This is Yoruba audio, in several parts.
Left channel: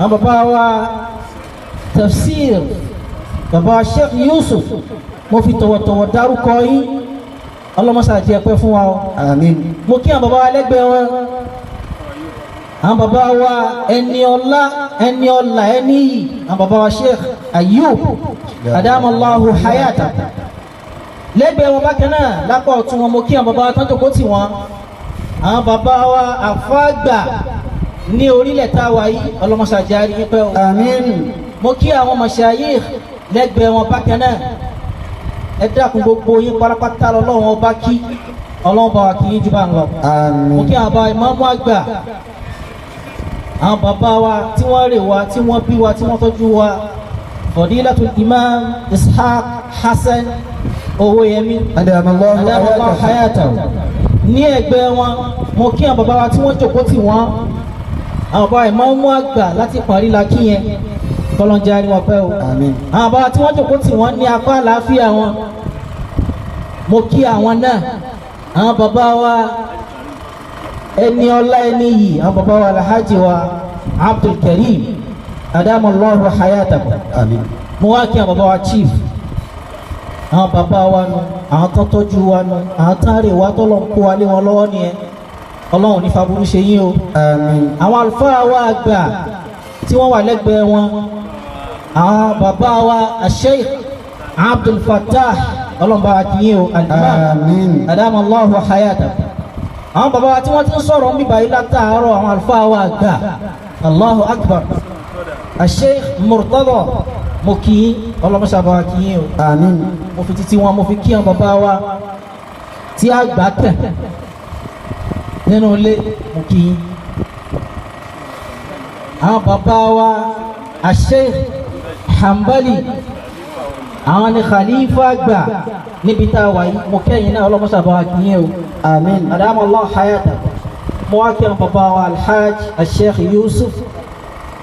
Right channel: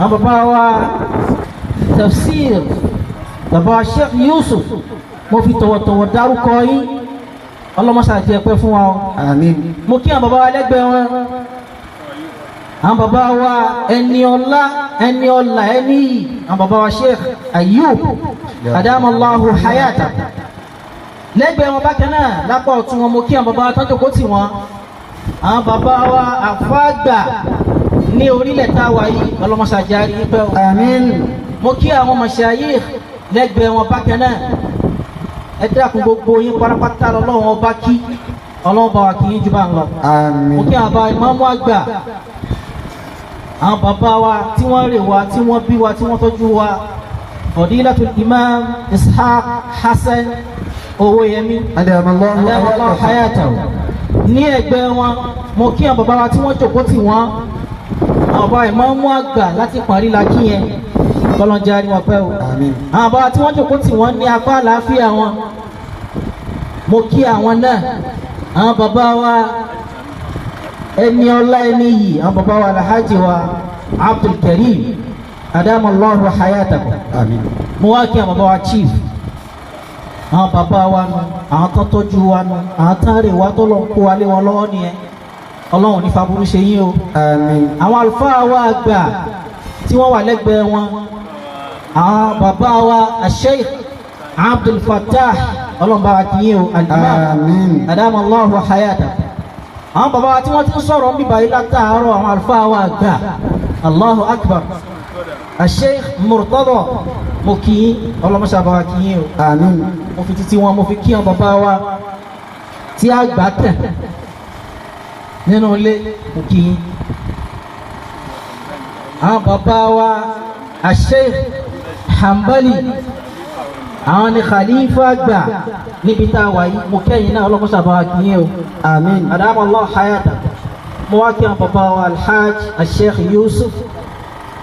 àwọn bàbá wa tafsir bàbá Sheikh Yusuf mo fi tọ̀wọ̀tọ̀wọ̀ dárúkọ yín ọlọ́mọṣà jẹ́ pẹ́ fún wa o. Àmín. mo kí àwọn bàbá wa lẹ́gbẹ̀ẹ́ wọn àwọn bàbá wa ẹni ọlá ẹni ọlà ẹni yìí àwọn bàbá wa Sheikh Ayub adamallahu hayata lẹ́gbẹ̀ẹ́ wọn bákan náà lápá ọ̀tún wọn mo kí àwọn bàbá wa tán jókòó tì wọ́n àwọn bàbá wa àfáàgbà ní orílẹ̀ tá a wà yìí ọlọ́mọṣà jẹ́ àríyìn pẹ́ o. Àmín. mo kí àwọn mashayikh lẹ́gbẹ̀ẹ́ wọn bákan náà ẹ dákun gbogbo yín pátápátá lọ́wọ́ ọba kí ọlọ́wọ́ bá wa kí yín jù bá ń lọ. Àmín. mo kí àwọn bàbá ìmáàmù àgbà àwọn bàbá wa tí wọ́n rè wa tí wọ́n bí wa tí wọ́n tọ́jú wa Fadilatul Imam Ishaq Hassan Owóyẹmí adamallahu hayatahu ní ẹgbẹ́ wọn mo kí àwọn bàbá wa tí wọ́n jókòó tì wọ́n àwọn bàbá ìmáàmù àgbà láti parí la kí yẹn kọlọ́njẹ́ àríwá pẹ́ o. Àmín. àwọn bàbá tí wọ́n jókòó tì wọ́n ní apá àlàáfíà wọn mo kí àwọn náà àwọn bàbá wa ẹni ọlá ẹni yìí àwọn bàbá wa Alhaji wa Abdul Karim adamallahu hayatahu. Àmín. mo wá kí àwọn bàbá wa chief àwọn bàbá wa nù àwọn tó tọ́jú wa nù àwọn tó rè wá tó lọ kó wa lé wọn lọ́wọ́ nìyẹn ọlọ́run ní faburú ṣe yín o. Àmín. àwọn àlùfáà wa àgbà tí wọ́n wà lẹ́gbẹ̀ẹ́ wọn àwọn bàbá wa Sheikh Abdul Fattah ọlọ́run bá wa kí yín o. Àmín. adamallahu hayatahu. àwọn bàbá wa tí wọ́n ti ń sọ̀rọ̀ ń bíbá yìí látàárọ̀ àwọn àlùfáà wa àgbà Allahu Akbar Sheikh Murtada mo kí yín ọlọ́mọṣà bá wa kí yín o. Àmín. mo fi títí wọn mo fi kí àwọn bàbá wa tí a gbà tẹ̀ nínú ilé mo kí yín. àwọn bàbá wa Sheikh Hanbali àwọn ni khalifa gbà níbi tá a wà yìí mo kẹ́yìn náà ọlọ́mọṣà bá wa kí yín o. Àmín. adamallahu hayatahu. mo wá kí àwọn bàbá wa Alhaj Sheikh Yusuf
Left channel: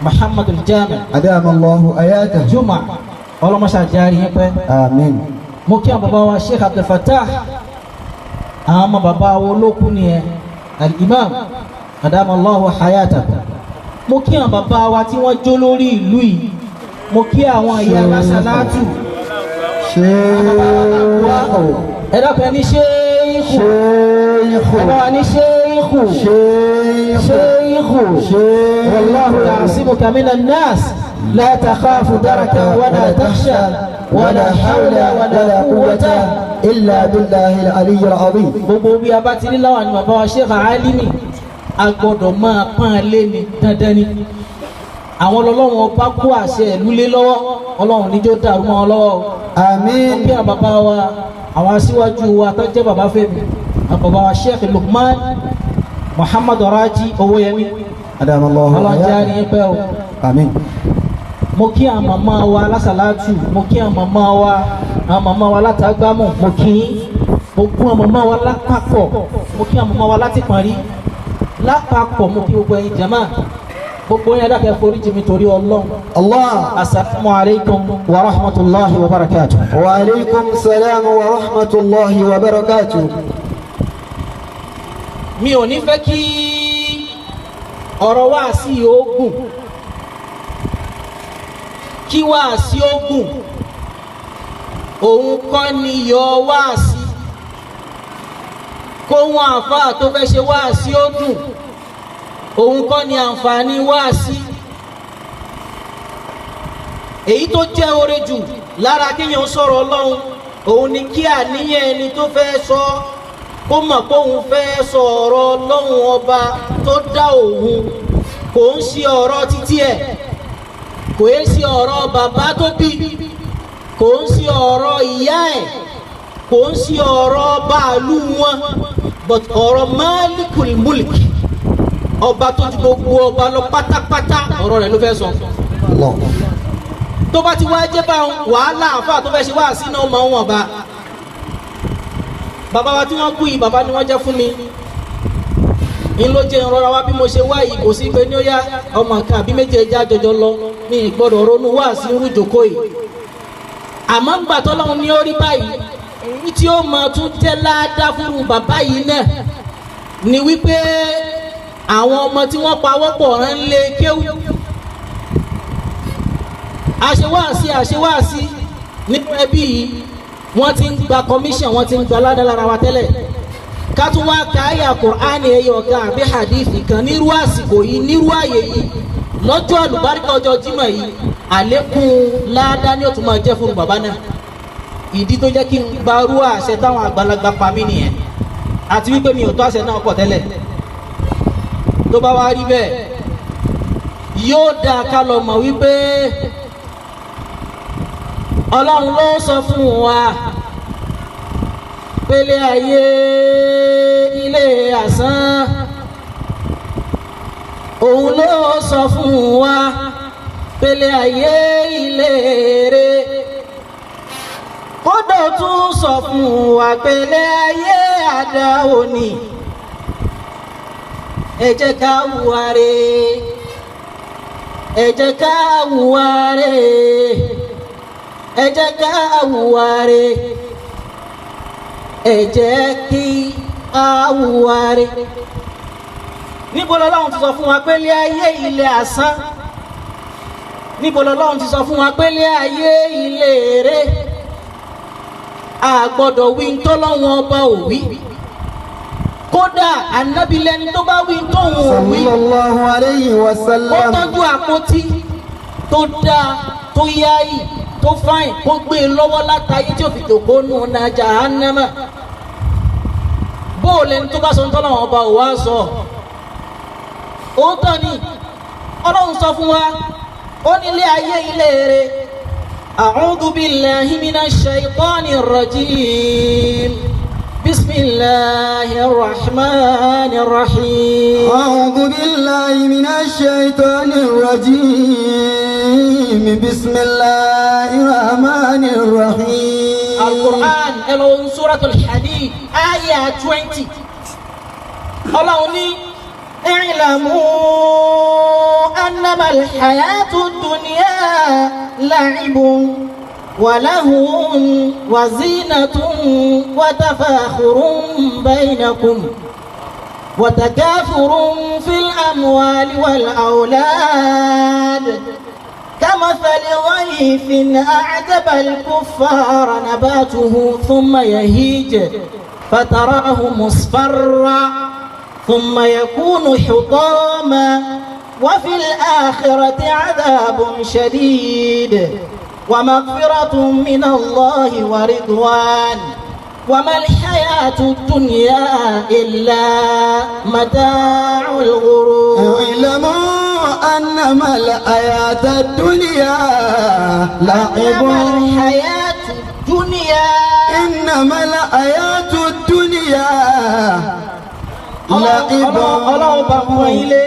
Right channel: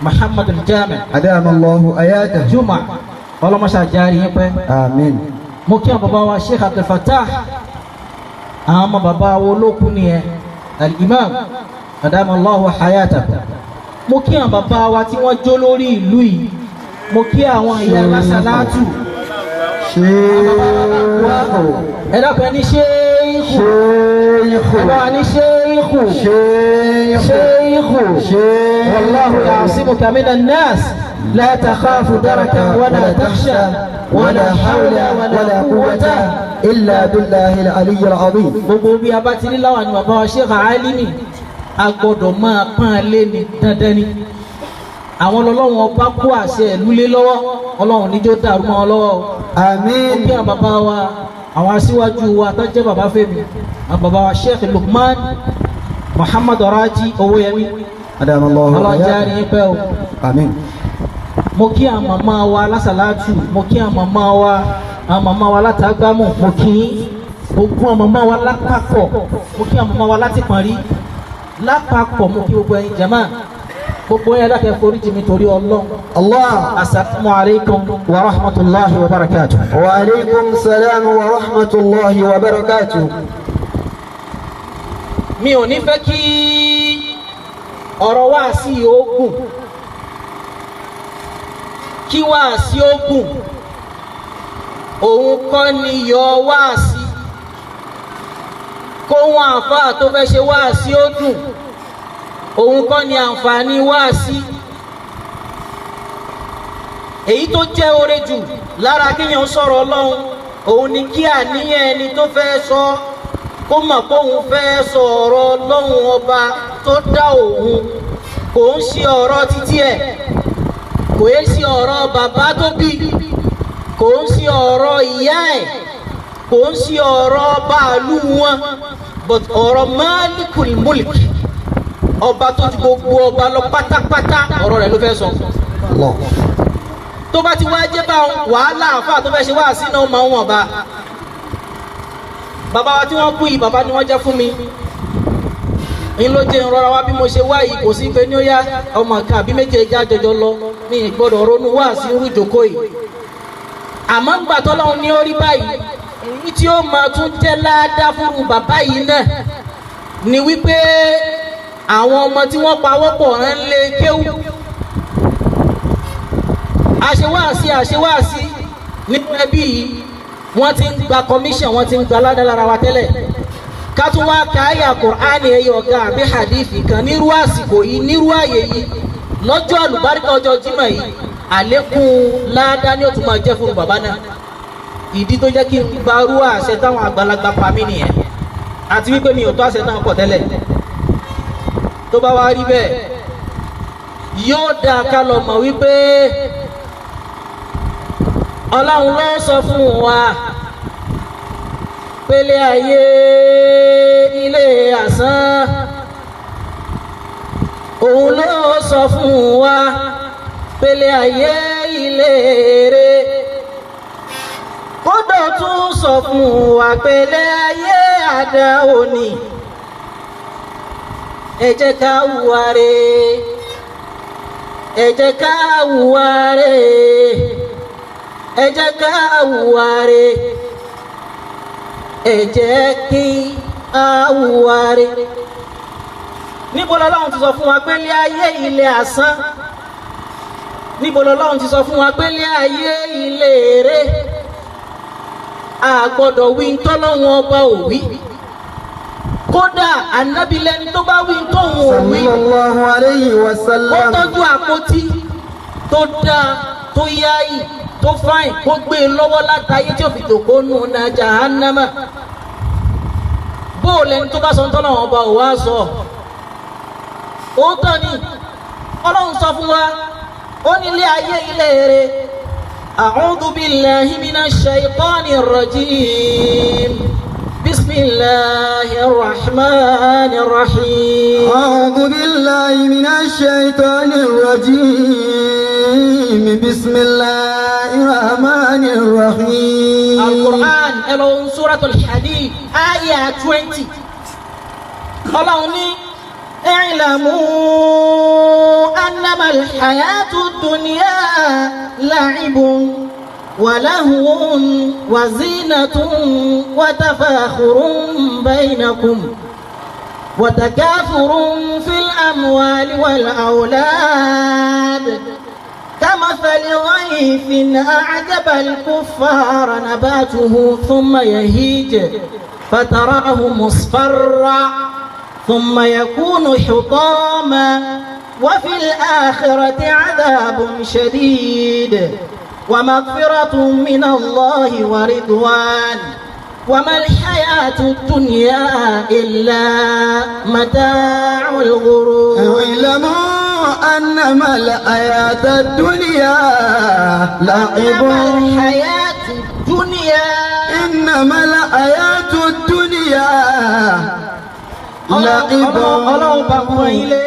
Muhammad al-Jami Adamallahu hayatahu. Juma ọlọ́mọṣà járe yín pẹ́. Àmín. mo kí àwọn bàbá wa Sheikh Abdul Fattah àwọn ọmọ bàbá wa olókùn nìyẹn al-Imam adamallahu hayatahu. mo kí àwọn bàbá wa tí wọ́n jó lórí ìlú yìí mo kí àwọn ìyá alásàlátù Sheikhu. ẹ dákun ní ṣéèkù Sheikhu. ẹ dákun ní ṣéèkù Sheikhu. ṣéèkù Sheikhu. wallahu ya'simuka minan nas la takhafu darakan wala takhsha wala hawla wala quwwata إلا بالله العلي العظيم. gbogbo bí a bá ti ní láwọn àni bàbá wa Sheikh Alimi a gbọ́dọ̀ máa pọ́n lé ní dandan ni àwọn ọlọ́run ọba kó àṣẹ ìlú lé lọ́wọ́ ọlọ́run níjó dàrú mọ́ wọn lọ́wọ́. Àmín. kí àwọn bàbá wa àwọn aṣíwájú wa tó jẹ́ bàbá Fẹ́mi àwọn bàbá wa Sheikh Lukman Muhammad Raji Owóyẹmí Adamallahu ọlọ́jà hayatahu. rí yín pẹ́ o. Àmín. mo kí àwọn màmá wa lásàlátù mo kí àwọn màmá wa látàgbámù mo kí mo kún àwọn màmá wa lápapọ̀ mo kí àwọn màmá wa láti Parí lápapọ̀ mo kí gbogbo ẹ̀yin jama gbogbo yẹn dákẹ́ forí jì mí torí Ọlọ́run. Allah. Assalamu alaikum wa rahmatullahi wa barakatuh. Wa alaikum salam wa rahmatullahi wa barakatuh. mi ò ní fẹ́ kí ọ̀rọ̀ wáàsí ogun kí wáàsí ogun òun kọ́ ni yọ wáàsí kó wọn àǹfààní tó fẹ́ ṣe wáàsí ó dùn òun kọ́ ni àǹfààní wáàsí èyí tó jẹ́ oore jù lára kíyàn sọ̀rọ̀ Ọlọ́run òun ni kí àníyàn ẹni tó fẹ́ sọ kó mọ̀ pé òun fẹ́ sọ ọ̀rọ̀ Ọlọ́run ọba tó dá òun kò ń ṣe ọ̀rọ̀ títí ẹ̀ kò ń ṣe ọ̀rọ̀ bàbá tó bí kò ń ṣe ọ̀rọ̀ ìyá ẹ̀ kò ń ṣe ọ̀rọ̀ bàálù wọn but ọ̀rọ̀ Malikul Mulk ọba tó ju gbogbo ọba lọ pátápátá ọ̀rọ̀ rẹ̀ ló fẹ́ sọ. Allah. tó bá ti wá jẹ́ bá wàhálà àfáà tó fẹ́ ṣe wá sí náà máa ń wọ̀n bá bàbá wa tí wọ́n kú yìí bàbá ni wọ́n jẹ́ fún mi ń ló jẹ́ ìrora wa bí mo ṣe wá yìí kò sí pé ní ó yá ọmọ kan àbí méje já jọjọ lọ ní ìgbọ́dọ̀ ronú wá sí irú ìjókòó yìí àmọ́ gbà tọ́lọ́run ní orí báyìí èyí tí ó máa tún jẹ́ ládàá fún bàbá yìí náà ni wípé àwọn ọmọ tí wọ́n pawọ́pọ̀ rán lé kéwú àṣewáàsí nínú ẹbí yìí wọ́n ti ń gba commission wọ́n ti ń gba ládàlára wa tẹ́lẹ̀ ká tún wá ka àyà Kùránì ẹyọ ọ̀gá àbí hadithi kan nírú àsìkò yìí nírú àyè yìí lọ́jọ́ àlùbáríkà ọjọ́ Jímọ̀ yìí àlékún ládá ni ó tún máa jẹ́ fún bàbá náà ìdí tó jẹ́ kí n gbarú àṣẹ táwọn àgbàlagbà pa mí nìyẹn àti wípé mi ò tó àṣẹ náà pọ̀ tẹ́lẹ̀ tó bá wá rí bẹ́ẹ̀ yóò dáa ká lọ mọ̀ wípé Ọlọ́run ló sọ fún wa pélé ayé ilé asán òun ló sọ fún wa pélé ayé ilé èrè kódà tún sọ fún wa pélé ayé àdá òní ẹ jẹ́ ká hùwà rere ẹ jẹ́ ká hùwà rere ẹ jẹ́ ká hùwà rere ẹ jẹ́ kí a hùwà rere. níbo lọ́lọ́run ti sọ fún wa pé ilé ayé ilé asán níbo lọ́lọ́run ti sọ fún wa pé ilé ayé ilé èrè a gbọ́dọ̀ wí ntọ́lọ́run ọba ò wí kódà ànábì lẹ́ni tó bá wí tóun ò wí sallallahu alayhi wa sallam. ó tọ́jú àpótí tó dáa tó yáyì tó fáìn kó gbé e lọ́wọ́ látàyè tí ó fi dògbò nù náà jahannama bóòlù ẹni tó bá sọ ntọ́lọ́run ọba ò wá sọ òótọ́ ni Ọlọ́run sọ fún wa ó ní ilé ayé ilé èrè a'udhu billahi minash shaytanir rajim bismillahir rahmanir rahim. A'udhu billahi minash shaytanir rajim bismillahir rahmanir rahim. Al-Qur'an ẹlòmí suratul Hadid ayé 20 Ọlọ́run ní. اعلموا أنما الحياة الدنيا لعب ولهو وزينة وتفاخر بينكم وتكاثر في الأموال والأولاد كمثل غيث أعجب الكفار نباته ثم يهيج فتراه مصفرا ثم يكون حطاما وفي الآخرة عذاب شديد ومغفرة من الله ورضوان وما الحياة الدنيا إلا متاع الغرور. اعلموا أنما الحياة الدنيا لعب. الحياة الدنيا إنما الحياة الدنيا Ọlọ́run bá kọ́ ilé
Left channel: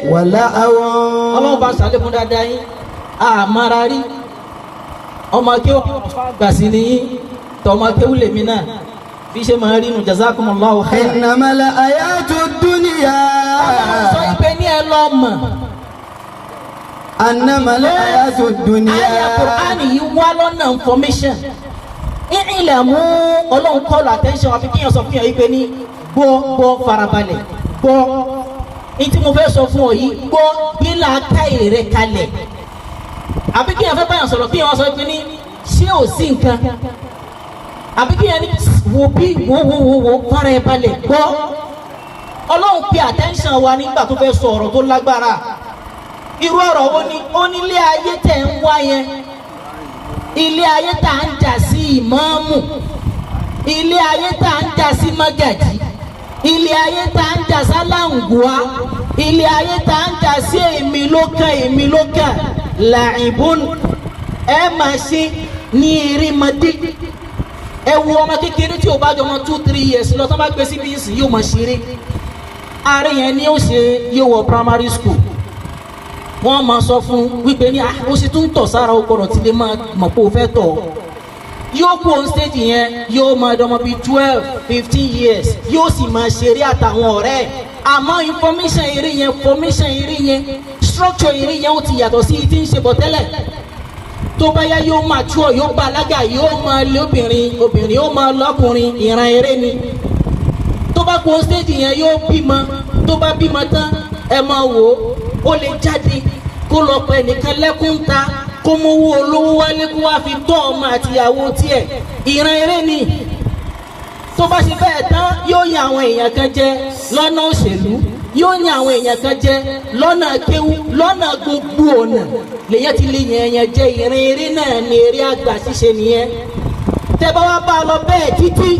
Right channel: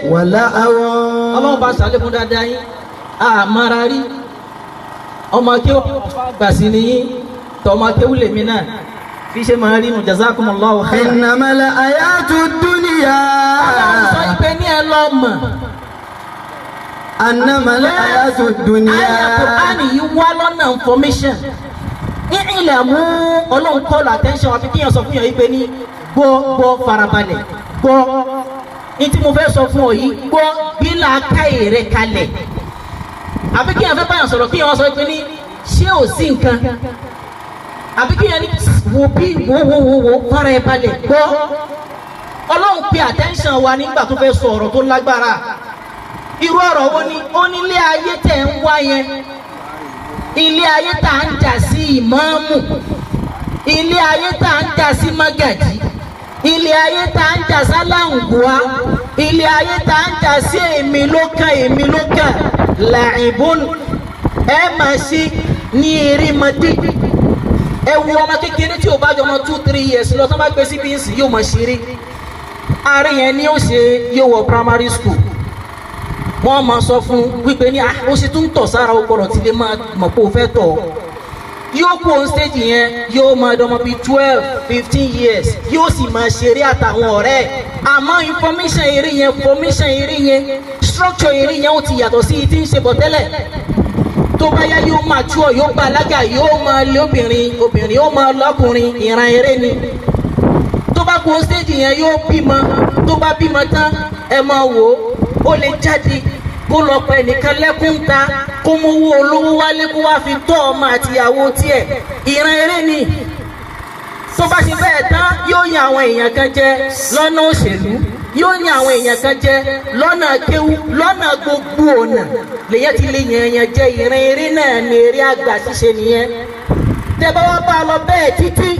Ọlọ́run bá ṣàlékún dáadáa yín àmàrà rí ọmọ akéwà gbà sí ní yín tọmọ akéwù lèmi náà bí ṣe máa rí nù jazakumullahu khairan. innamal hayatud dunya. Ọlọ́run sọ ìpè ní ẹ lọ mọ̀. innamal hayatud dunya. Àyà Kùránì yìí wá lọ́nà information ilẹ̀ mú Ọlọ́run call attention àfi kíyàn sọ fún yàn yìí pé ní gbọ́ farabalẹ̀ gbọ́ ní tí mo fẹ́ sọ fún ọ yìí gbọ́ bí làákàyè rẹ kalẹ̀ àbí kí yẹn fẹ́ báyàn sọ̀rọ̀ kí yẹn wá sọ pé ní ṣé ò sí nǹkan àbí kí yẹn ní wò bí wò fara ẹ balẹ̀ gbọ́ Ọlọ́run pe attention wa nígbà tó fẹ́ sọ ọ̀rọ̀ tó lágbára irú ọ̀rọ̀ wo ni ó ní ilé ayé tẹ̀ ń wá yẹn ilé ayé tá à ń jà sí ìmáàmù ilé ayé tá à ń jà sí mágàjí ilé ayé tá à ń jà sálàǹgùá ilé ayé tá à ń jà sí èmi ló kàn làìbùn ẹ máa ṣe ní erémọdé ẹ wo ọmọ kékeré tí o bá jọ ọmọ 2-3 years lọ tó bá gbé sí bíyèsí yóò máa ṣeré ààrẹ yẹn ni ó ṣe yóò wọ primary school wọ́n máa sọ fún wípé ní ó sì tún tọ̀ sára ó gbọ́dọ̀ tí lè máa mọ̀ pé ó fẹ́ tọ̀ yóò kú on stage yẹn yóò máa dọmọ bíi 12-15 years yóò sì máa ṣeré àtàwọn ọ̀rẹ́ àmọ́ information eré yẹn structure eré yẹn ó ti yàtọ̀ sí ti ń ṣe bọ̀ tẹ́lẹ̀ tó bá yá yóò máa tú ọ yóò gba alága yóò máa lé obìnrin yóò máa lọ́kùnrin ìran eré ni tó bá kú on stage yẹn yóò bímọ tó bá bímọ tán ẹ máa wò ó lè jáde kó lọ pa ẹnìkan lẹ́kún ta kó mú owó olówó wálé kó wá fi tọ́ ọmọ àtìyàwó tiẹ̀ ìran eré ni tó bá ṣe bẹ́ẹ̀ tán yóò yan àwọn èèyàn kan jẹ lọ́nà òṣèlú yóò yan àwọn èèyàn kan jẹ lọ́nà kéwú lọ́nà gbogbo ọ̀nà lèyẹn ti lè yan èèyàn jẹ ìran eré náà ní eré àgbà ṣíṣe nìyẹn tẹ́ bá wá bá a lọ bẹ́ẹ̀ títí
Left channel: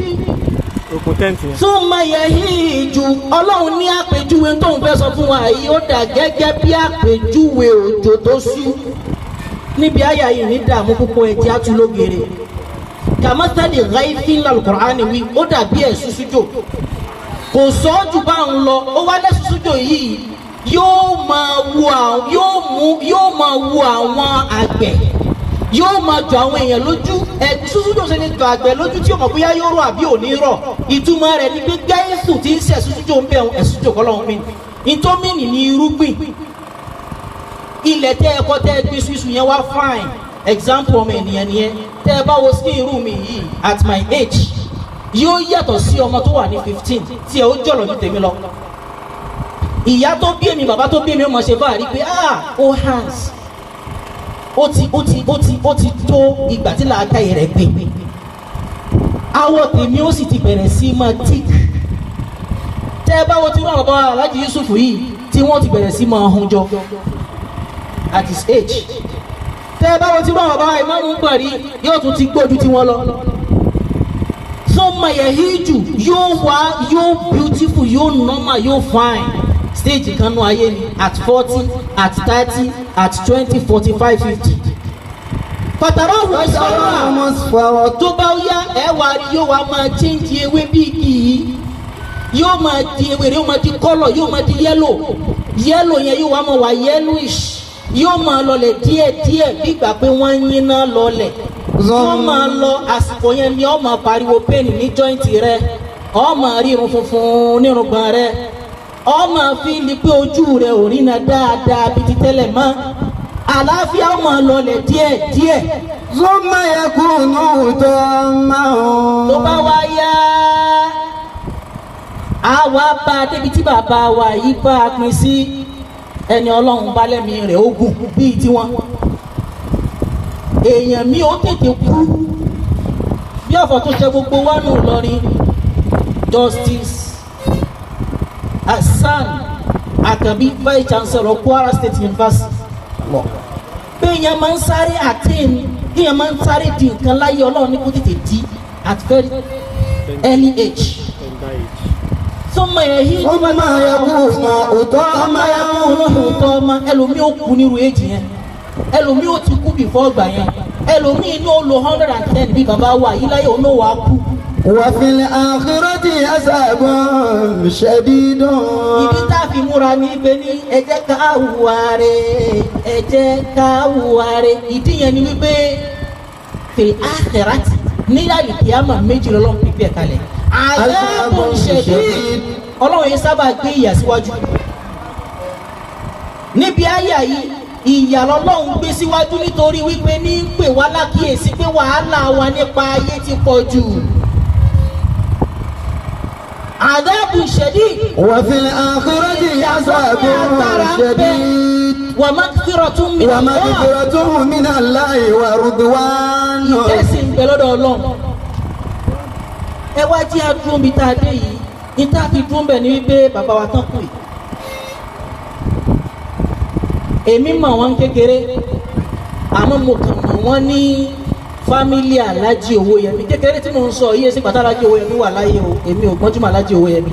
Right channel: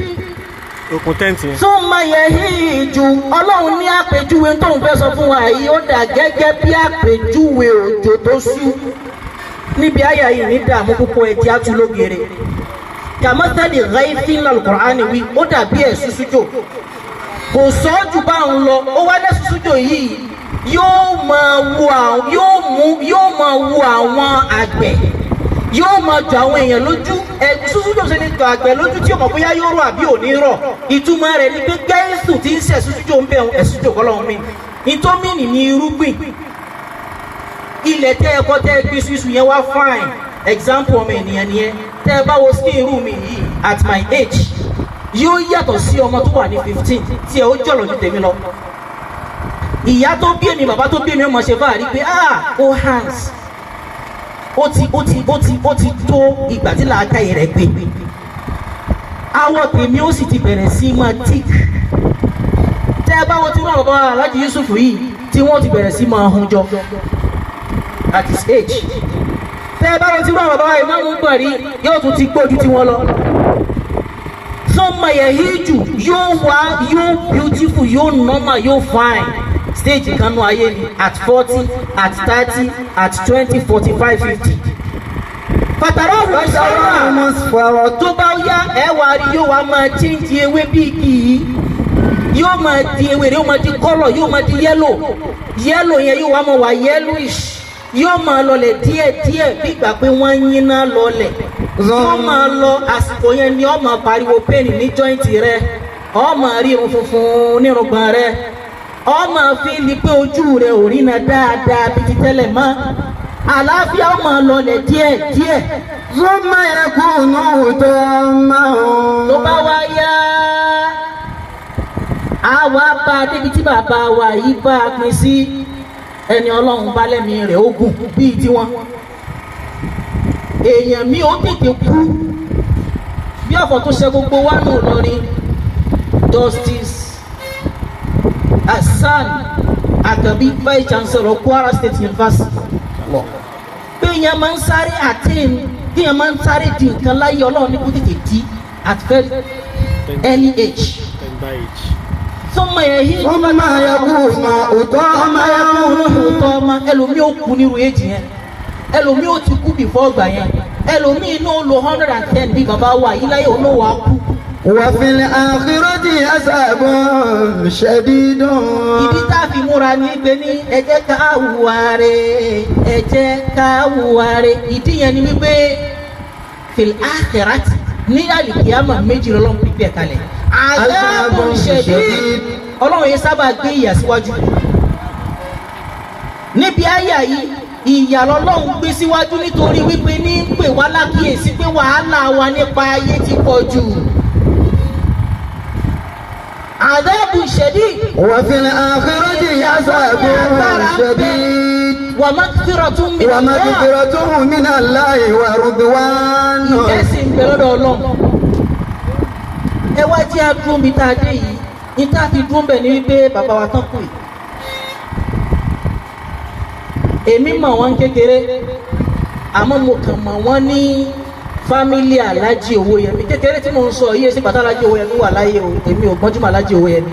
okùn tẹ́ǹtì yẹn. tún máa yẹ híjù ọlọ́run ní àpèjúwe tóun fẹ́ sọ fún wa yìí ó dà gẹ́gẹ́ bí àpèjúwe òjò tó ṣú níbi àyà yìí ní dààmú púpọ̀ ẹ̀jẹ̀ àtúlógere kàmọ́tẹ́lì ráìfín lálùkùránì wí ó dàbí ẹ̀ ṣúṣújò kò sọ ọ́ jù bá ń lọ ó wá dé ṣúṣújò yìí yóò máa wo àwọn àgbẹ̀ yóò máa jọ àwọn èèyàn lójú ṣúṣújò ṣe ní jọ àgbẹ̀ lójú tí ó mọ̀ bóyá yóò rọ̀ àbí ò ní rọ̀ ìtumọ̀ rẹ̀ ni pé gẹ́rẹ́sù tí ń ṣẹ̀ ṣúṣújò ń bẹ̀ ẹ̀ṣújò kọ́ lọ́wọ́ mi ìtọ́mìnì ní irúgbìn ilẹ̀ tẹ́ ẹ̀kọ́ tẹ́ gbé ṣíṣú yẹn wá fine example ọmọ ènìyàn nìyẹn tẹ́ ẹ bá wo skin irú mi yìí at my age yóò yàtọ̀ sí ọmọ tó wà ní 15 tí ẹ ó jọ̀lọ̀ ju tèmi lọ ìyá tó bí èmi bàbá tó bí èmi ọmọ ṣe bá rí pé ó hands ó ti tó ìgbà tí làákàyè rẹ̀ gbé awọ tèmi ó sì ti bẹ̀rẹ̀ sí máa tick tẹ́ ẹ bá wo tí wọ́n bàbá Alhaji Yusuf yìí tí wọ́n ti bẹ̀rẹ̀ sí máa hun jọ at his age tẹ́ ẹ bá wo tí wọ́n bàbá Ìmáàmù Buhari yóò tún ti gbójú tí wọ́n lọ sọmọ yẹn híjù yóò beautiful yóò normal yóò fine stage kanu ayé ni at 40 at 30 at 20 45 50 pàtàkì ọ̀rọ̀ ìṣòro tó bá yá ẹwà rí yóò wá máa change ewé bí igi yìí yóò máa di ewé yóò máa di colour yóò máa di yellow yẹn yóò wá máa wà yellowish yóò máa lọlẹ̀ díẹ̀díẹ̀ bí ìgbà pé wọ́n ń yínná lọlẹ̀ yóò máa lọ àsìkò yẹn ni ó máa pariwo pain ní joint rẹ ó máa rí irun funfun nírùngbọ̀n rẹ ó máa fi li pé ojú rẹ ò rí na dáadáa bí ti tẹ́lẹ̀ mọ́ àlàáfíà ó máa lọlẹ̀ díẹ̀díẹ̀. Zuma yakunu tamam. tó bá wá yá a wá bá a débi tí bàbá wa yìí bá a pín sí ẹni ọlọ́run bá lẹ́mí rẹ̀ ogun bíi tiwọn èèyàn mi ó tètè kú bí ọ̀fọ̀ tó ṣe gbogbo wa nù lọ́rin Justice Hasan Akabi Vice Chancellor Kwara State University pé èèyàn máa ń sáré àtẹ́m bí èèyàn máa ń sáré di nǹkan láyé ọlọ́run ní kó tètè di at very early age. Sọmọ yẹn yí ní bá náà yẹ kó òótọ́ ọmọ ẹlòmíì ó kú nírú èjì yẹn ẹlòmíì ó ti kú bìfọ́ ọgbà yẹn ẹlòmíì inú ó lo 110 bí bàbá wa yìí láyé òun ó wà á kú. Wa fil akhirati azabun shadidun. Ibi tá a fi múra ní pé ní ẹ jẹ́ ká hùwà rẹ̀ ìdí yẹn ni wípé fil akhirati ní àlùkìyámà méjì lọ́lọ́run pípẹ́ kalẹ̀ azabun shadid ọlọ́run yẹn sábà gbé ìyà síwájú níbi àyà yìí ìyà lọ́lọ́run gbé síwájú nítorí wípé ní ń pè wá lákìyèsí pé wàhálà wa nípa ayé ti pọ̀ jù. Àdábù shadid. Wa fil akhirati azabun shadid. Wa maghfiratun min Allahi wa ridwan. Ìkẹ́sì ń bẹ lọ́dọ̀ Ọlọ́run. Ẹ wá jẹ́ àdúró bí tá a dé yìí. Níta ti dún bẹ̀ ní wípé bàbá wa tán kù yìí. Èmi mọ̀ wọ́n kékeré. Àmọ́ mo kàn mọ̀ wọ́n ní fámílì Aláàjì Owóyẹmí kékeré tí mo ń sọ yíyé sí pàtàkì Aláàjì Owóyẹmí wà láyé o èmi ò gbọ́njúmọ̀ Aláàjì Owóyẹmí.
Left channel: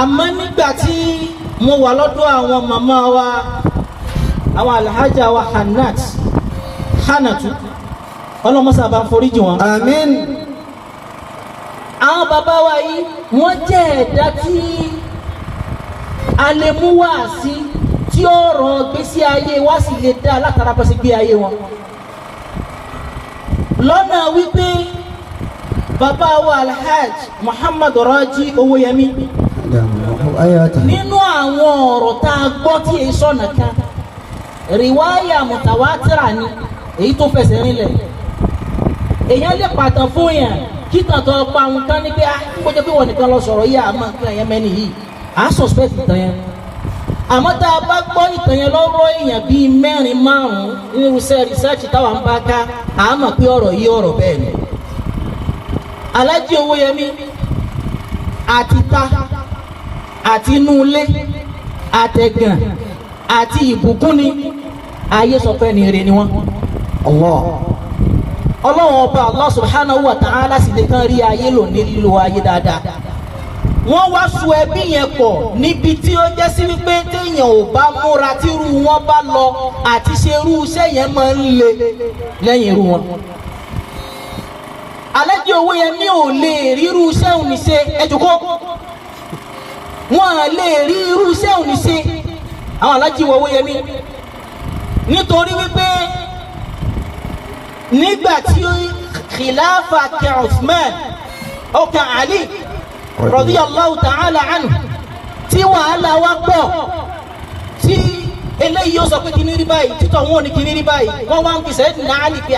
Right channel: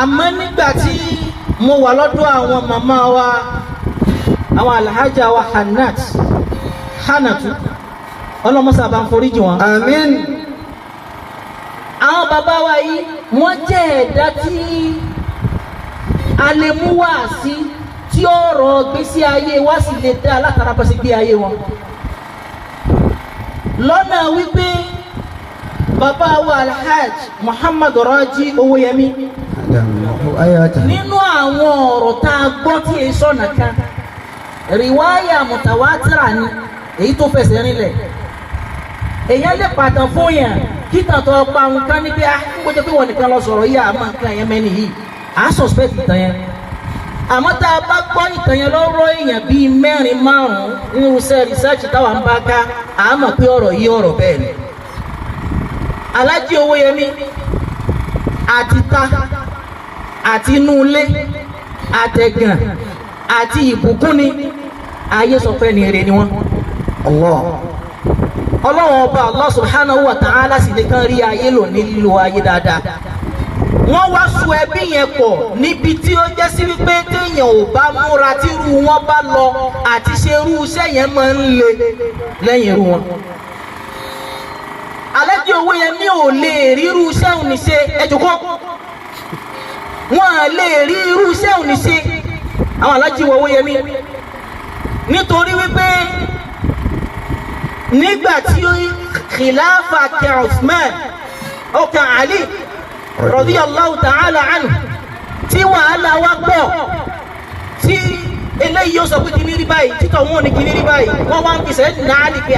Àmọ́ nígbà tí mo wà lọ́dọ̀ àwọn màmá wa àwọn Alhaja wa Hannatu ọlọ́mọsá bá ń foríjì wọn. Àmín. Àwọn bàbá wa yìí wọ́n jẹ́ ẹ̀dá tí a lè mú wá sí tí ọ̀rọ̀ gbésí ayé wa sì lè dá látara bá sí gbé ayé wọn. Lọ́nà wípé bàbá wa Alhaj Muhammad Raji Owóyẹmí nínú àwọn ọ̀rọ̀ tá a gbọ́ tí èyí sọ̀nà kan rìwáyà mùtàwátìrà ni èyí tó fẹsẹ̀ rinlẹ̀ èyàn lè pàtàn fún yàn kí tàtọ̀ ọgbà nǹkan ní pé kó jẹ́ pé wọ́n nìkan lọ sọ̀rọ̀ yìí àmọ́ nǹkan yẹn mẹ́ni yìí à ń suspect ìtàn yẹn àmọ́ tá a bá gbọ́ ìtàn yẹn lọ́rọ̀ èèyàn bíi 4-5 nínú research táwọn bá ká a mọ̀ pé ọ̀rọ̀ yìí ọ̀rọ̀ bẹ́ẹ̀ ni. Alhaji Owóyẹmí àti ta àti inú ilé àtẹ̀gàn àti ìbùkún ni ayé sọ pé ní ire ni wọ́n. Ọlọ́run ọba Allah subhanahu wa ta'ala sì ní kán rí ayé lò ní lílo ayé dáadáa. Wọ́n wá so ẹbí yẹn pọ̀ níbi tí ó jẹ́ sí wípé téèyàn ò bá múra tí irú wọn bá lọ àti ṣe irú iṣẹ́ yẹn máa ń le lẹ́yìn irú wọn. Alhaji Owóyẹmí ò lè rí irú iṣẹ́ òní ṣe ẹjùkọ́. Wọ́n lè rí irú iṣẹ́ òní ṣe àwọn Alhaji Owóyẹmí nítorí wípé nígbà tí khilafa kẹ Usman ọkà Ali radiyallahu ta'ala anhu tí wàhálà wá pọ̀ tí eléyìí ó sọ pé kí ní rí báyìí títọ̀ wọn ní kí ní rí báyìí wọ́n wá ń fi Sayyidina Ali pé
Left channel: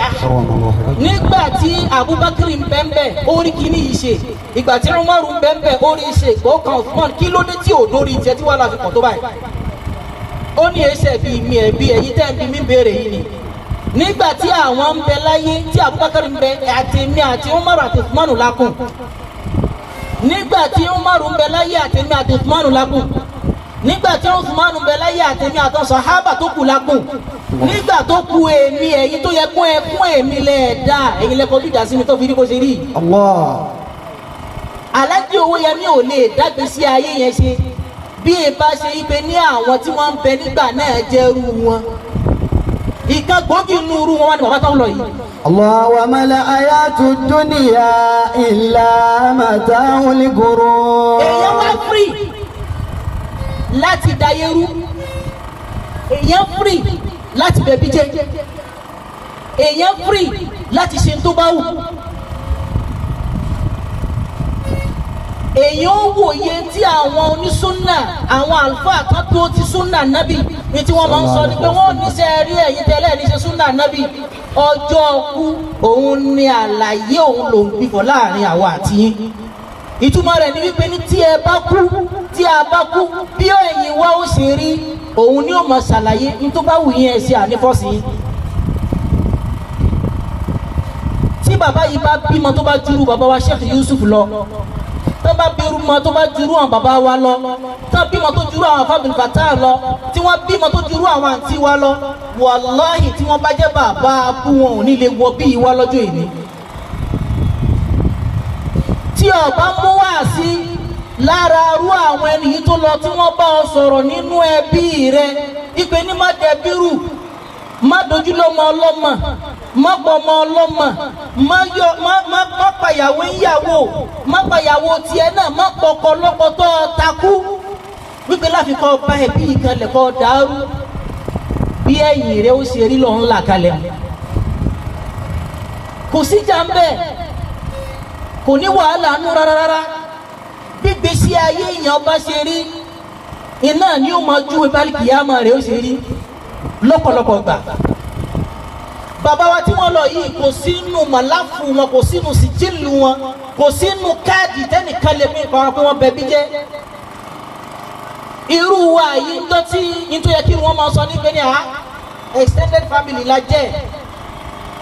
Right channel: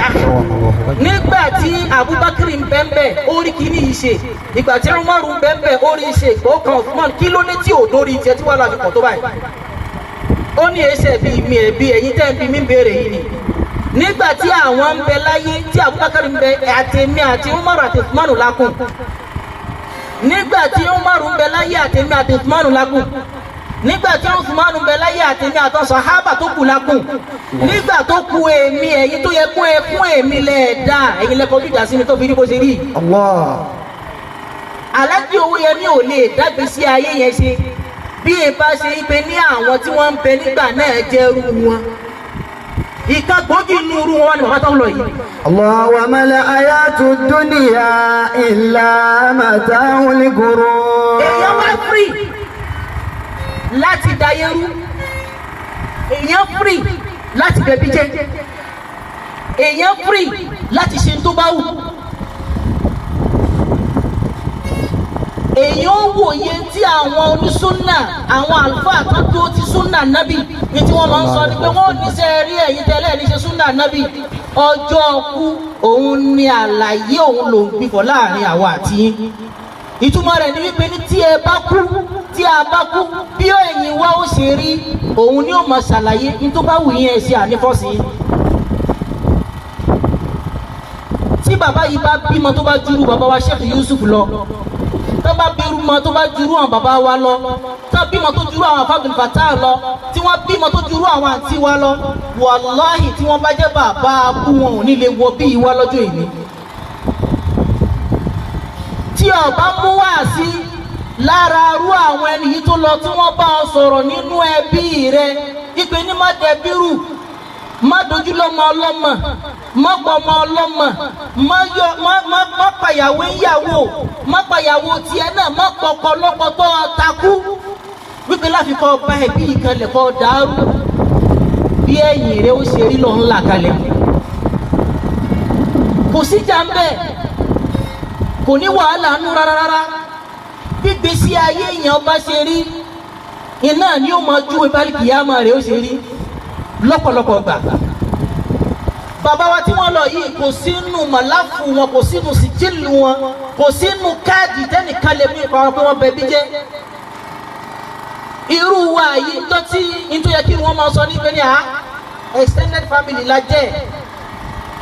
nígbà tí Abubakar ń bẹ́ẹ̀ ó rí kí ní yìí ṣe ìgbà tí Umaru ń bẹ́ẹ̀ ó rí ṣe ìgbọ́kàn Usman kí ló dé tí ò dórí ìjẹ́ tí wọ́n láti pọ̀ tó báyìí ó ní ẹsẹ̀ bí mi ẹ̀bí ẹ̀yìn tẹ́ ń bí mi béèrè yìí ni nígbà tí àwọn ń bẹ láyé tí Abubakar ń bẹ àtẹ̀mí àti Umaru àti Usman lákùn nígbà tí Umaru ń bẹ láyé àtẹ̀mí àti Usman lákùn nígbà tí Usman ń bẹ láyé àtẹ̀mí àtọ́ sàhábà tó kù lákùn nígbà tó kù èmi ẹ̀yin tó yẹ kún ẹ fún èmi lẹ́ẹ̀dá ẹ̀yin lẹ́kọ̀ọ́ bí ìdásí mi tó fi rí bó ṣe rí. Alhaji Owóyẹmí ò lè dágbé sí ayé yẹn ṣe bí ẹ bá ṣe ipe ní àwọn tí wọ́n ń bẹ nígbà náà jẹ́ irú wọn ìkan gbòógì inú irú wọn ni bàbá tó ń lọ yìí. wa mal hayatud dunya illa mata'ul ghurur. Èèyàn wá free láti dayérú èèyàn free láti bẹ̀bí jẹ́ èèyàn free láti ṣe tó bá wù. Èèyàn wòye tí àwọn onísúnnà àwọn àlùfáà kan tó ti súnnà nábì ní tí wọ́n máa ń sọ ni pé wọ́n ní sẹ́ rí ẹ̀yin tẹ́lẹ̀ ní ṣe súnnà nábì ọjọ́ kú òun ni àlàyé òun lòun gbìfọ̀ láàrin àwa àti yín. Ìtumọ̀ rẹ̀ ni wípé ní tí ẹ bá kú tí a bá kú bí ẹ̀yin wá ó ṣe rí òun ni ó máa ṣàlàyé ní tó bá wù yín ẹ̀ ṣe ànífọ́sí. Tí bàbá yìí bá bímọ tó bá jùrú bàbá wa Sheikh Yusuf lọ tó bá bẹ̀rù mọ́ tó bá jùrú àwọn bàbá wa lọ tó bímọ tó jùrú àwọn Abdul Fattah lọ tí wọ́n bímọ tó jùrú àwọn àǹtí wa lọ wàláhì tí wọ́n bá jẹ́ bàbá kú wọn ò ní lè wọ bí ìwà lọ́jọ́ ìní. Tí ọba mú wá sí lára arú àwọn ẹni yìí tó lọ tí wọ́n bá ọ sọ̀rọ̀ nínú ẹbí rẹ ìpè ní má dẹbírù má dojú lọ́mọ ọlọ́mọ má gbọmọ ọlọ́mọ má pàyàwó ìyàwó má pàyàwó tiẹ̀ náà má pọkọ lọ́kọ tó takú wípé láfikọ́ ọba ẹbí ìkànnì kọ́ dàrú bí ẹ̀yìn rẹ̀ ó ṣe rí lọ́n là kalẹ̀ kò sí jàmbẹ́ kò ní wàhálà nú rárá gbígbésí ayé èèyàn bá ṣe rí iná ni ó máa ju ìbálòpọ̀ rẹ̀ ó ṣe rí lọ́pọ̀lọpọ̀ gbà. Bàbá wa tí wọ́n lọ yìí kò sínú màláfù wọn kò sínú sìjìlù wọn kò sínú káàdì tẹ́nìkan lè mú ìkọ̀rọ̀ pé wọ́n bẹ̀bí jẹ́. Irú wa yìí tó tí nítorí yẹ kí wọ́n máa sọ nípe ní extended family la jẹ́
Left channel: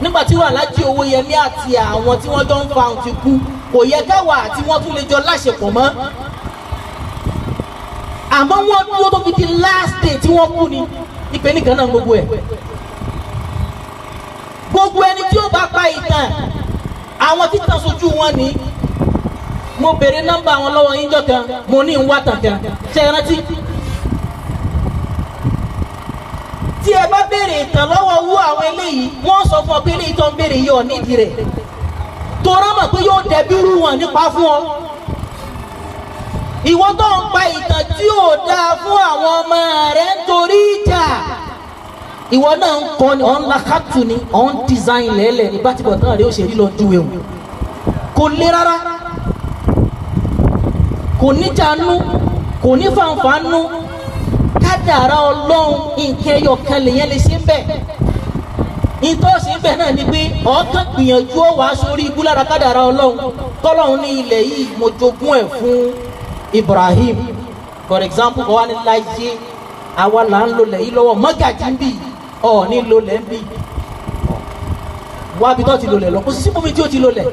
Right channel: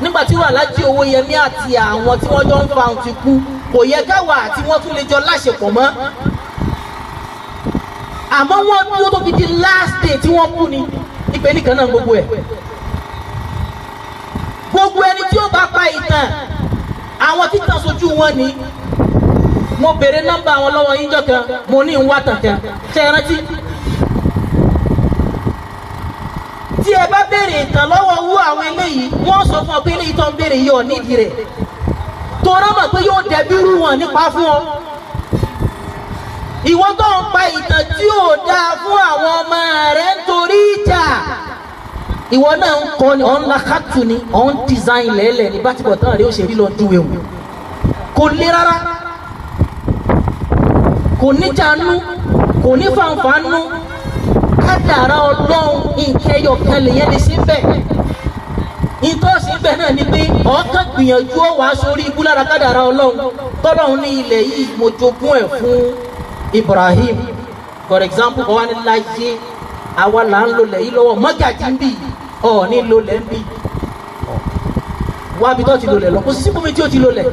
nígbà tí wọ́n Alhaji Owóyẹmí àti àwọn tí wọ́n jọ ń fa òun ti kú kò yẹ káwa àti wọ́n tún lè jọ láṣepọ̀ mọ́. Àmọ́ wọ́n dúró tó fi di last day tí wọ́n kú ni ìpè nìkan náà gbogbo ẹ̀. Gbogbo ẹni tí ó bá pa ìtàn àwọn títàn sojú wọn ni mo béèrè nọ́mbà àwọn lọ́wọ́ yín jọ̀kan mo ní ń wá tàǹkà ṣe é rántí. Tí ẹ bá béèrè ìtàn lọ́wọ́ owó àwọn eléyìí wọ́n sọ fún ọ pé eléyìí tó ń béèrè yìí ọ̀ nídìí rẹ̀ torí mọ̀ pé yóò dẹbi rú wọn nípa fún ọ. Ìwọ tó ń pa ìtàn tí ò dáa fún àwọn ọmọ rẹ̀ nítorí ìjà ìwọ náà ń kọ́ ni ọ̀n lakatu ni ọ̀n design lẹ́lẹ̀ ní bátìbọ̀ tán rẹ̀ ó ṣe rí lọ dúwe o kò lé rárá kò níjà nú kò ní fàǹfà nú kádàrá Ọlọ́run nǹkan ẹyọ kan lèyẹn lè ṣe bẹ́ẹ̀ ìtọ́sí bẹ́ẹ̀ náà ni pé ọ̀ọ́kàn gbìyànjú ó wàá sórí ikú lára kádàrá Ọlọ́run tọ́lọ́run ní ilẹ̀ yìí mo jogún ẹ̀ fún Ibrahim for example ọ̀wá ní láyé àwa là ń lò lẹ̀ yìí lọ́wọ́ mọ́gàjì ń bì ọ̀ ní lò lẹ̀ ń bì wá bí tó ti lò lẹ̀ lọ kò sí síbòmí tí ó ti lò lẹ̀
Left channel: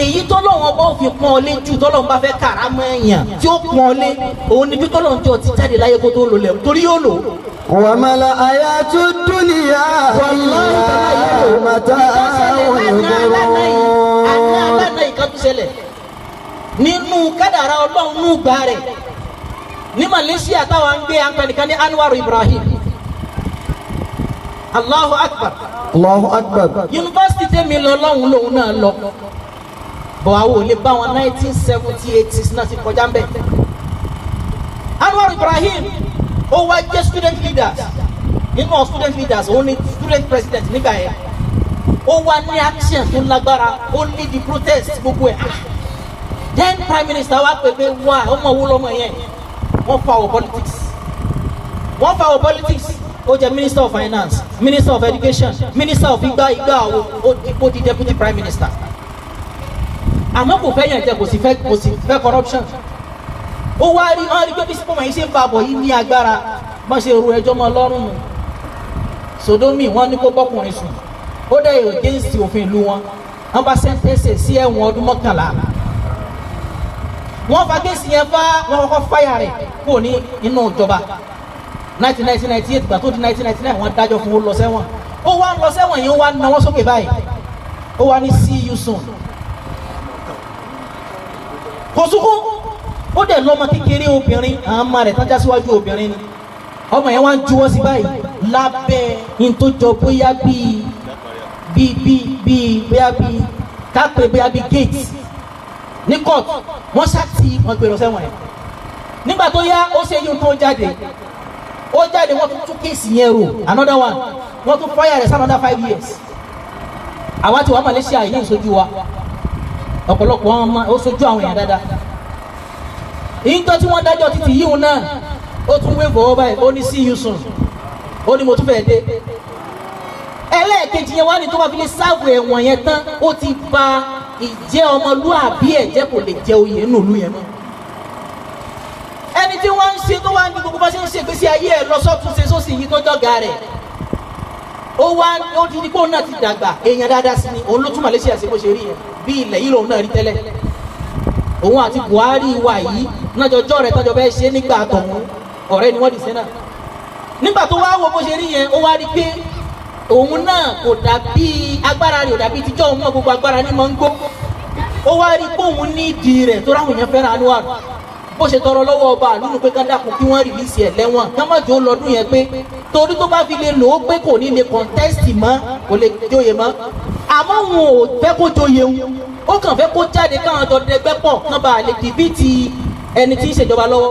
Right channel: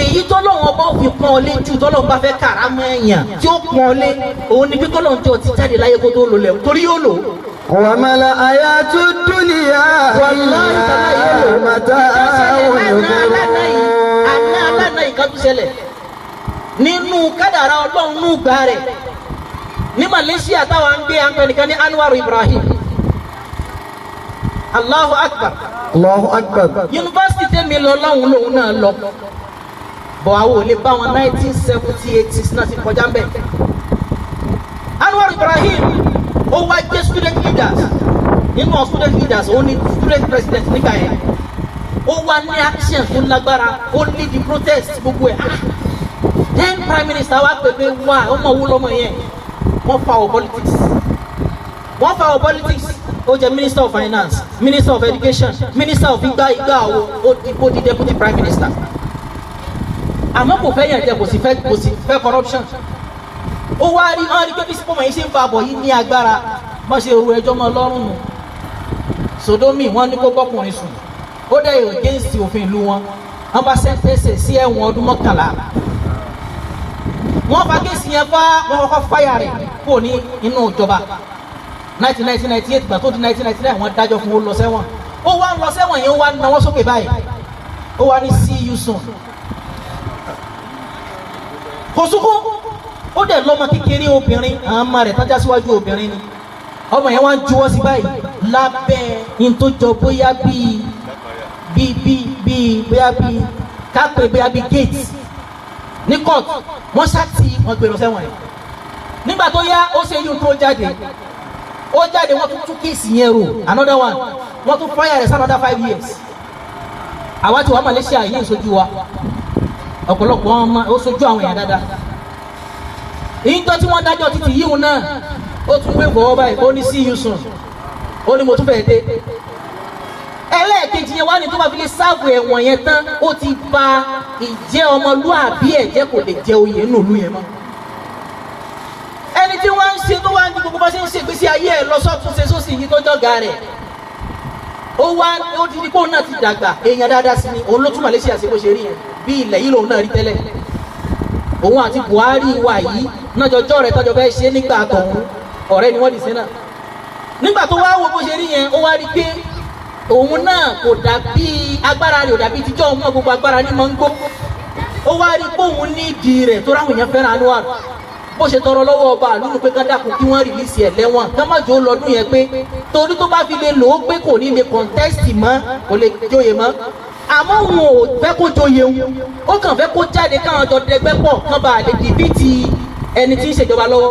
èyí tọ́lọ́wọ́n bá fi pọ́n ọ lé jù tọ́lọ́wọ́n bá fẹ́ kàrámọ́ ẹ̀yàn tí ó pọ́n ọ lé òun ni bí tọ́lọ́wọ́n tí ó ti jáde láyé kó tó lò lẹ̀ torí yóò lò. وما الحياة الدنيا إلا متاع الغرور. nínú kádàrá ọlọ́run ní ìgbà rẹ̀ ní Malaysia táwọn ń gbé àpẹnìkan ní Anwar Ibrahim Allahu Akbar. Allahu Akbar. yunifásitì tẹ́mi lọ lọ́hùn lòun náà lọ bọ̀ àwọn ò lè bá wọn 1978 náà ti kọjá mbẹ́. Anwar Ibrahim ó wá jẹ́ student leaders nínú àwọn student leaders ó ní student president nígbà yẹn ó wá ní action tó lágbára ó lead the protest gbogbo ẹ̀. then prime minister wa pèpè wá ọmọ owó lọ́mọ yẹn wọ́n fa our politics ó jẹ́ minister of finance minister of education minister of igba ó di deputy prime minister àmọ́ kò fẹ́ yẹn jẹ́ kò sì fẹ́ corruption ó wá rí pé bí sípò wọ̀nyí ṣe ń bá bọ̀ yìí ní agbára bá ṣe ru ẹjọ́ mọ́ lọ́rùn nù Sodomi wọ́n ní kó bọ́kùnrin sùn ó dẹ̀ yóò against òfin ìlú wọn wọ́n bá sẹ́ńtẹ́sẹ̀ sí ẹ̀wọ̀n ọdún 11 wọ́n fa kéèsì yẹn wọ́n kọ́kọ́ fáyà rẹ̀ kò ní inú ìjọba 1998 gbà tó di 1999 wọ́n dájọ́ fún ó lọ sẹ́wọ̀n ó wá lọ sẹ́wọ̀n yẹn ó wá náwó sókè báyìí ó wá ní see you soon kò sunkún ó dẹ̀ lọ́mọ kékeré obìnrin àwọn ọmọ rẹ̀ tọ́já síwájú obìnrin ni ọmọ yẹn wá ń juwọ́ sí báyìí lábẹ́ ìtòjọ bóyá bíi kápẹ́ bóyá bíi gate ní court wọ́n ṣáàtì wọn gbèrò sẹ́wọ̀n ẹ̀ nígbà tó yá ó ṣe yín tó jáde wọ́n tún kéèsì yẹn rò another one wọ́n tún fire rẹ̀ another 5 years àwa ti wà Malaysia yìí ń sojú wa ọ̀pọ̀lọpọ̀ ọmọ ó sojú àwọn èèyàn dáadáa ìjọ tí wọ́n dájọ́ títí yíò náà ó tún wé bọ̀ báyìí ó ní see you soon ó ní mo tún fẹ́ dé ẹlẹ́ẹ̀kejì yẹn wá ní tó bá fi lè sáàbù ẹ̀wọ̀n yẹn tán ó ti bà ìjẹ́ ọmọlúàbí ẹ̀jẹ̀ kò lè jẹ oyè nùlú yẹn mọ́ ẹni tí wọ́n ń ṣe tó wá ní gbogbo bá ṣe ń ṣègbésí ayé ẹ̀ lọ sọ́tún ṣe sósì yìí tó jọ̀gá rẹ̀ ó ti di kó náà ti dàgbà èèyàn dáadáa sí ni òun ló tún Malaysia ṣe bó ṣe rí yẹn bí ilẹ̀ yìí lòun náà rí tẹ́lẹ̀ òun àti Buhari wà yìí náà jọjọ́ rẹ̀ tọ́jọ́ bẹ́ẹ̀ ṣe nígbà tọ̀hún ọ̀rẹ́ ni wọ́n di sẹ́nà nígbà tó wá wo bó ṣe rí yẹn ó wá rí pé òun náà kò dàbí agbára rẹ̀ ò dàbí tíjọ́ ọmọ gbogbo agbára ní mọ́ ń gbó ó wá rí pé òun ní ìdí rẹ̀ tó ráhùn yẹn fẹ́ràn Anwar bó ṣe tọrọ lọ́wọ́ ọba àlùnú pé ká dákun kí wọ́n rìlíìsì ẹ̀ lẹ́wọ̀n ká má jò lọ́dún yẹn pé torí tó bá fi lè lò ó pé kò ní lè kọ̀ǹtẹ́sì mọ́ kò lè jóye mọ́ àmọ́ wọn ò fẹ́ kó jóye wọn ó kàn fẹ́ kó jáde káwọn jọ dẹgbẹ́ pọ̀ kán bá lè dìbìtì ẹni tí ń ṣèjọba lọ́wọ́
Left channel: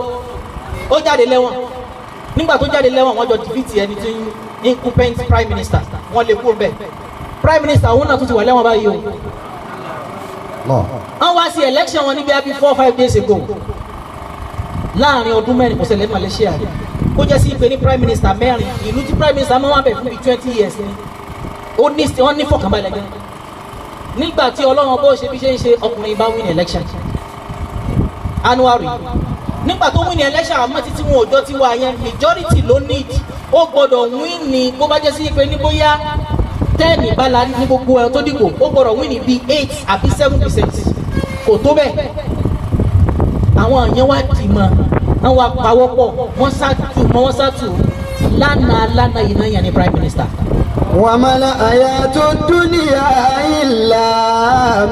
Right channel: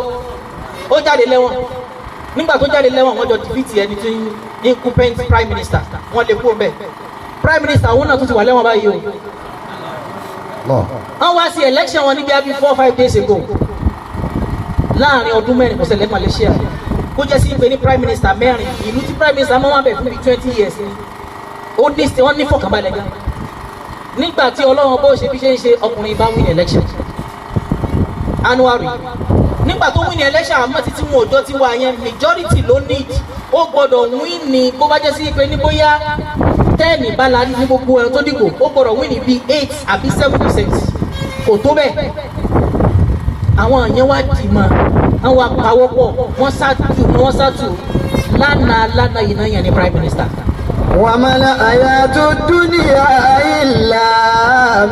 ó jáde lẹ́wọ̀n nígbà tó jáde lẹ́wọ̀n wọ́n jọ dìbìtì ẹni tí ń incumbent prime minister wọ́n lè kú bẹ́ẹ̀ prime minister òun náà tún ti wà lẹ́wọ̀n báyìí o wọ́n wá sí election wọn níbi ẹbí 4-5 days ago láàrin ọdún mẹ́rin kò ṣẹlẹ̀ Malaysia ó jẹ́ sí pé ní prime minister mẹ́rin ìlú tí prime minister mọ́ wọn bẹ̀ fún bí 20 years ni wọ́n ní fọkànbalẹ̀ gan nígbà tí Ọlọ́run bó ṣe bí ṣe ń ṣe ọkùnrin bá win election Anwar nígbà tó win election àmọ́ títí wọn òjò ti wà yẹn majority ló need ó gbọ́dọ̀ win ní bó bá jẹ́ sí pé ní bóyá 10 ìbálá ní gbogbo ẹ̀rọ tó dìbò ó gbọ́dọ̀ win ní bí 8 àbí 7% kò tó bẹ́ẹ̀ àwọn èèyàn wá dì mọ́ wọ́n wá pawọ́pọ̀ wọ́n sátù lánàá yìí náà yẹn ní prime minister. وما الحياة الدنيا إلا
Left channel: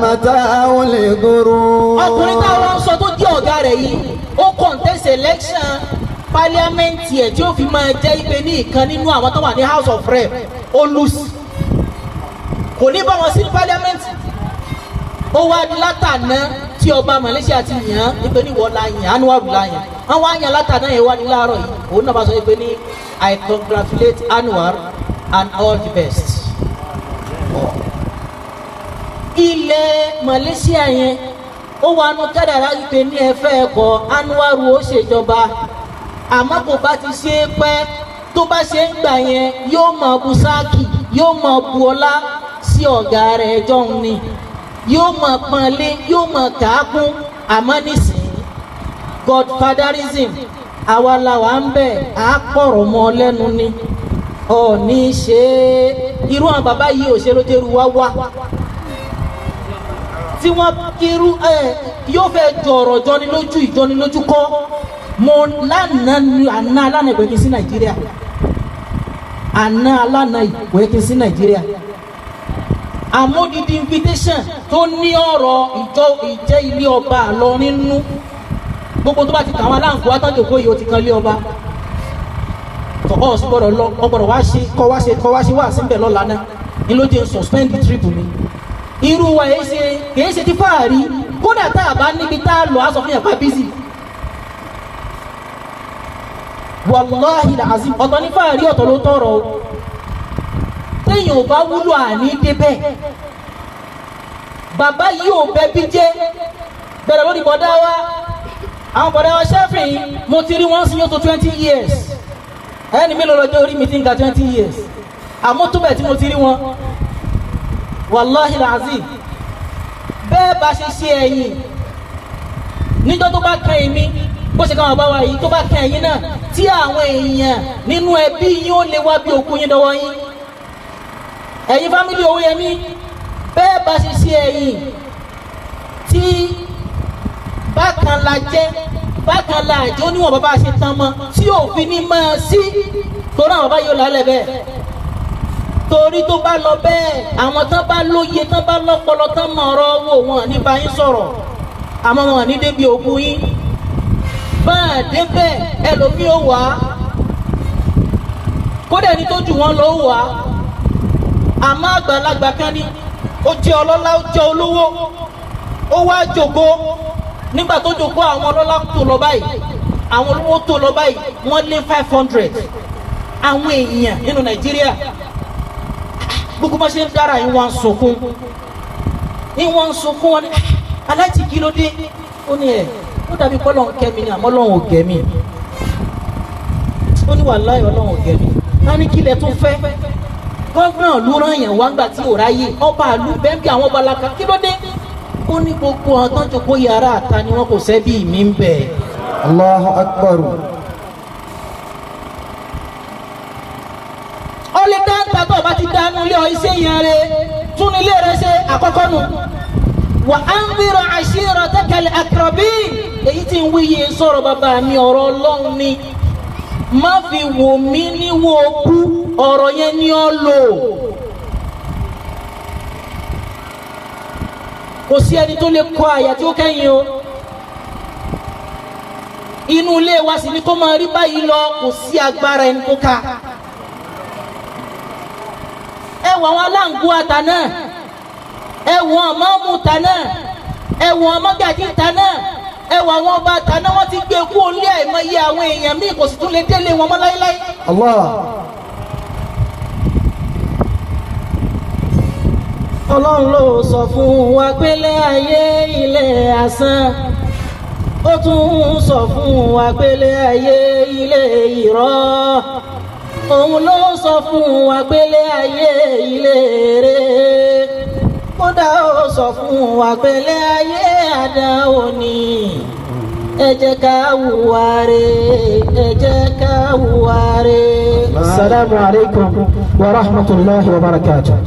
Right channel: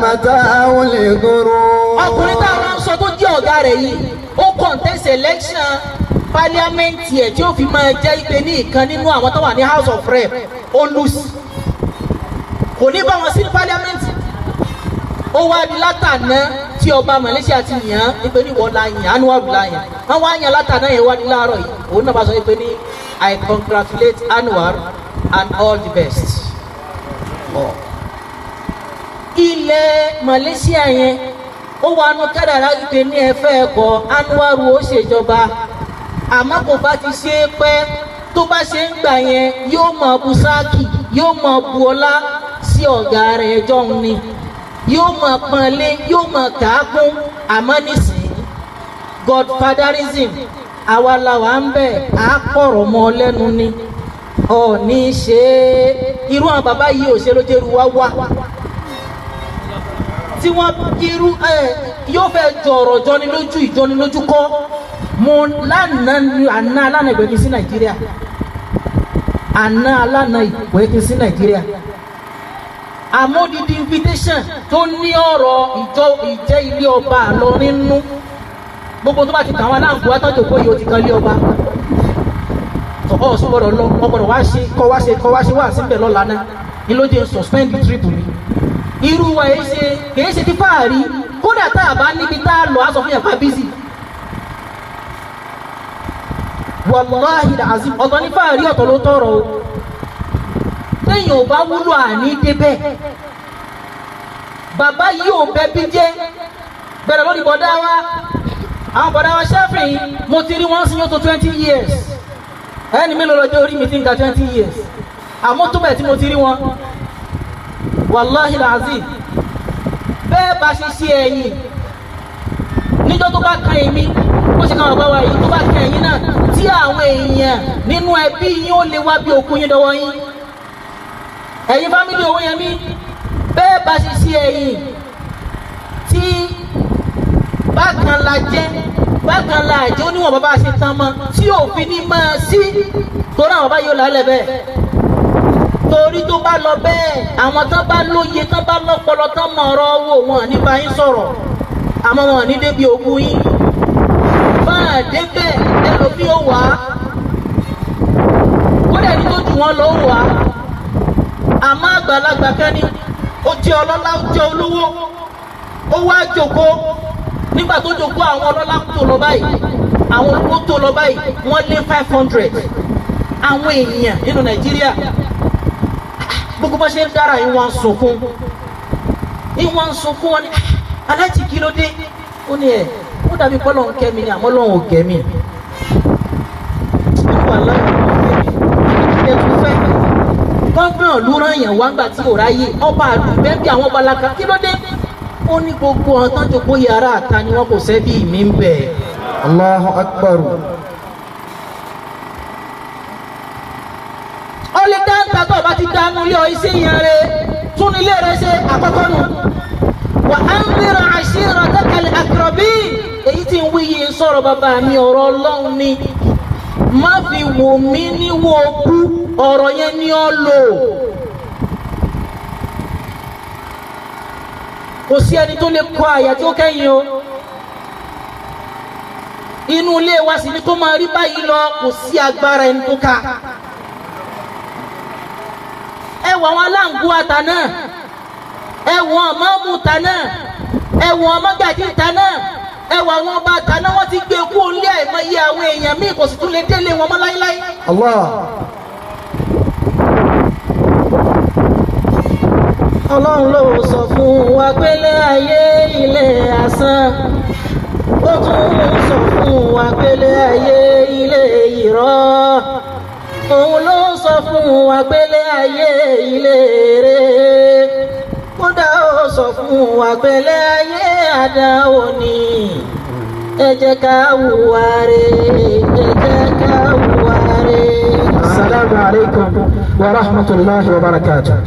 متاع الغرور. ọkùnrin táwọn sọ tó jẹ́ ọ̀gá rẹ̀ yìí ó contest election pálíámẹ́ǹtì ẹ̀ tí ó fi máa jẹ́ ìpè ní ìkan nínú àwọn tó wà ní House of Rep ó lose kò ní bá wọn sí pálíámẹ́ǹtì ó wá di látàná tí ọba Malaysia ti yàn án ìpè ní wọ́n la yàn Anwar la yàn wọ́n wá yàn látàná yẹn wá ní láàárọ̀ yìí òun náà bá sọ ìpè ní I congratulate Anwar and all the best. ilẹ̀ Malaysia yẹn ó wà nù kádàrá ìpè ní ẹ̀fẹ́ ẹ̀kọ́ Anwar ó ṣèjọba àmọ́ kò bá ti ṣe é pẹ́ tó bá ṣe ń gbà yẹn yóò máa bu sáàkì yóò máa bu ọlá sí ọ̀gá rẹ̀ jọ̀hún ni yóò máa pọ́nlé yóò máa kàákún àmọ́ nísìnyí godfatherism àwa la wà ń bẹ̀ á kọ̀rọ̀ mọ́ lẹ́nu ni ọ̀ọ́ni ṣe irú àwọn bàbá yìí ò ṣe ló jẹ́rú wá wá tí wọ́n irú yóò fẹ́ jọ̀rọ̀ jọni lójú ìjọni lójú kọ́ mo lánàá alánà ìwé kí sí Nàìjíríà àná alánà ìwé kí sí Nàìjíríà àmójúdi invitation tó ní ọ̀rọ̀ ìjẹ́ ilé ọba àlọ́ nínú gbogbo tó bá ti tàwọn aláǹkó àtọ́jọ́ kó yìí ó ti kan ilé ọba ọ̀ sọ́gbọ́dọ̀ lọ ọgbọ́dọ̀ kọ́ wá ṣe wá síbẹ̀ lọ́la náà ni ló jẹ́ suspend trip mi irú wa kìí ṣe ti fáàrí kódà tá a bá níbi tá a lọ á sọ fún yàrá bísí wàláhì làzim ọ̀tọ̀ ní fáàrí ọ̀tọ̀ ló tọrọ o téèyàn ò bá wúlò àní débẹ̀ bàbá yìí ò bẹ bí jẹ́ bẹ̀rẹ̀ lórí bọ̀dá wa àwọn bọ̀dá wa ṣẹ́fìn mo ti rí wọn sí yóò tó 20 years ẹni mélòó lọ́jọ́ orí mi ti ń ga 20 years àmọ́ tó bẹ̀ tí mo ti rí wọn wàláhì làzim bẹ́ẹ̀ bá ṣe ṣe ẹ̀yìn níjọ́ tó bá kan èmi ó ṣe káwọn bá wa yìí tó bá kan ẹ̀yìn náà tí àwọn èèyàn nínú ẹbí yín ó lè wá bí òkú yín dọwọ́ yín ẹ̀yin fámílì Owóyẹmí bẹ́ẹ̀ bá ṣe ṣe ẹ̀yìn tí bákan la jẹ́ bákan la àjẹ́ oníwọ̀n bàbá ṣe tán mọ́ tí òfin ní máa sí torí àwọn bàbá yóò lálẹ́ bẹ́ẹ̀ torí tó bá lọ bẹ́ẹ̀ àwọn tán bá lóye tán bá lọ́pọlọ tán mọ ọ̀rọ̀ owó wọn ní bá yín sọ̀rọ̀ àmọ́ wọn ní débi ògùn yín báà débẹ̀ ẹlòmí ó wà á kódà ní tó jù wọn lọ ó wà á àmọ́ àgbàlagbà kan ní ó jẹ́ ọlọ́lá ó jẹ́ olówó ó wá jòkó nígbà tó jòkó àwọn ọlọ́lá tó lọ báyìí àwọn olówó tó lọ báyìí wọ́n lé 500 àwọn èèyàn nínú Nàìjíríà gbogbo bá ṣe ń dára ìwọ̀n sunkún wọn ni aláàtì kí ló dé ó ní ẹ̀ ó dàbí pọ́lọ̀ ń kẹ́mi ni àmọ́ lọ́wọ́ ò kẹ́mi ó wà láì lọ́wọ́ kẹ́mi wọ́n ní kí lẹ tún fẹ́ gọ́gbọ̀n ló rán èèyàn wá gbà tí ò ráyè ọba àlù bẹ́ẹ̀ bí àwọn ọba alaka kí ló dé ó ní gbogbo àwọn tó ń jókòó yàrá àta ni wọn kò sẹ́bí mi ń bẹ̀. Allahu Akbar. ó lè dá tàbí ọba ti dá mú ilé ọ iṣẹ́ yẹn rẹ tún ilé rẹ ṣe àkọ́kọ́ nù. wà á ń bẹ̀rẹ̀ àṣírà dákàlẹ̀ àkàràbí èyí tí ń wí yìí sọ̀rọ̀ bàbá mi ọ̀rọ̀ Ọlọ́run ni má fi wò mí níwò kú ọ̀rọ̀ yẹn ni ó lò. kò sí ẹni tó lè kọ àyà tí ó kẹ́yìn o inú ilé wa sì ni tó máa rí báyìí lọ kò sí agbára ẹni tó ká ẹ wọ àwọn aláǹgó àtà náà ẹ wọ àmọ́mù tà náà ẹ wọ ọmọgàjì tà náà ẹ wọ àwọn ọba tà náà wọ́n ti gbé kú òun lé àìmọye àwọn èèyàn míì kò sì tún lè délé wọn mọ́ láíláí. Ọlọ́run ló sọ fún wa pé láyé ilé asán ó tún sọ fún wa pé láyé ilé irọ́ òun ló sọ fún wa pé láyé ilé eré kódà ó sọ fún wa pé láyé àdáwò ni ẹ jẹ́ ká hùwà rere ẹ jẹ́ ká hùwà rere. Assalamu alaikum wa rahmatullahi wa barakatuh.